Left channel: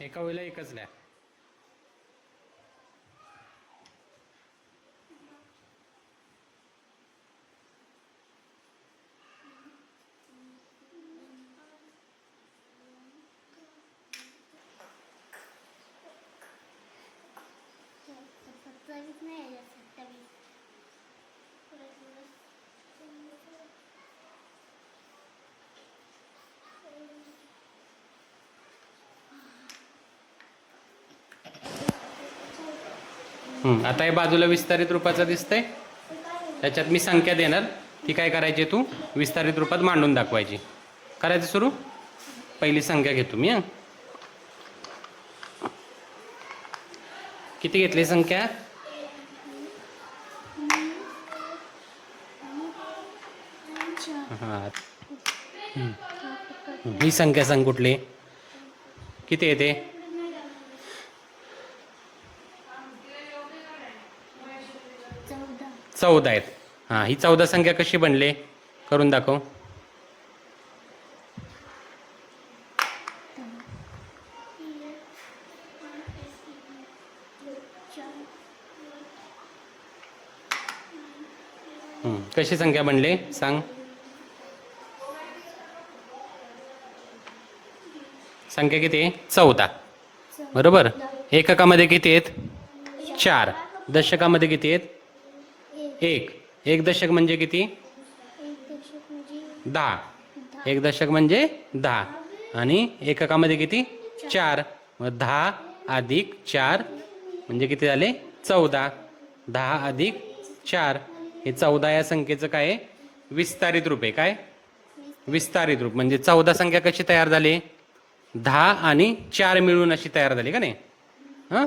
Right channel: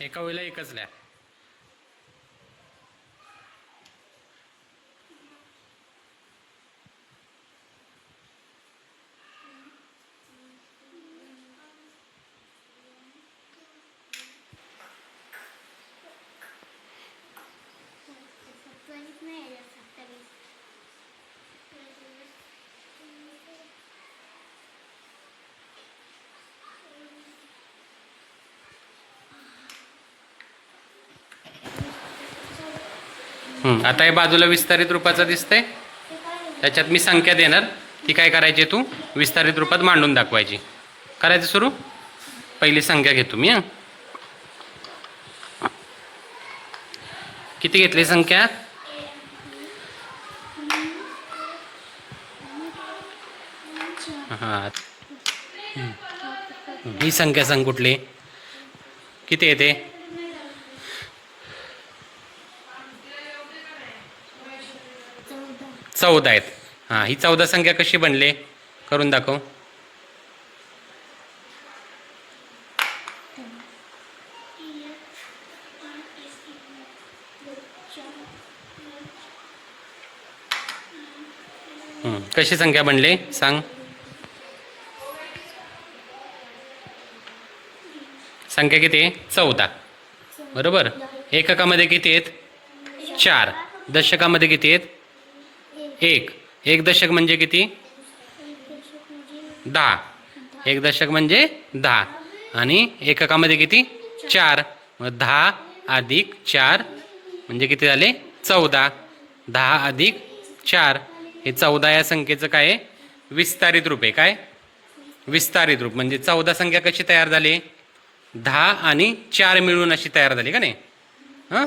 एका वेळेला एकच लिहा. आता हे बाजूला विस्तारित रूपाचं दिसतंय, त्याच्यात मी संख्या देणार, ती काय करायची तू विस्तारित रूपात मांडून दाखवायची. करायचं सुरू. पहिली संख्या घेतो मी. किती घेतली संख्या? हां, ही संख्या सांग कुठली, किती येते? 14 आहेत. हां, ही 14 संख्या कशी बनले करून दाखव. कशी संख्या बनले सांग. संख्या किती आहे? 14. बरोबर. एककामध्ये किती आहेत? 4. दशकामध्ये किती आहेत? 1. एक दशक म्हणजे किती? 10. एक दशक म्हणजे 10. आणि एककामध्ये किती? 4. मग 10 अधिक 4 म्हणजे किती झाले? 14. 10 अधिक 4 हे 14 या संख्येचं काय आहे? विस्तारित रूप आहे. काय विस्तारित रूप म्हणजे 14 संख्या कशी तयार झाली? 10 आणि 4 मिळून अशी तयार झाली का नाही? हां.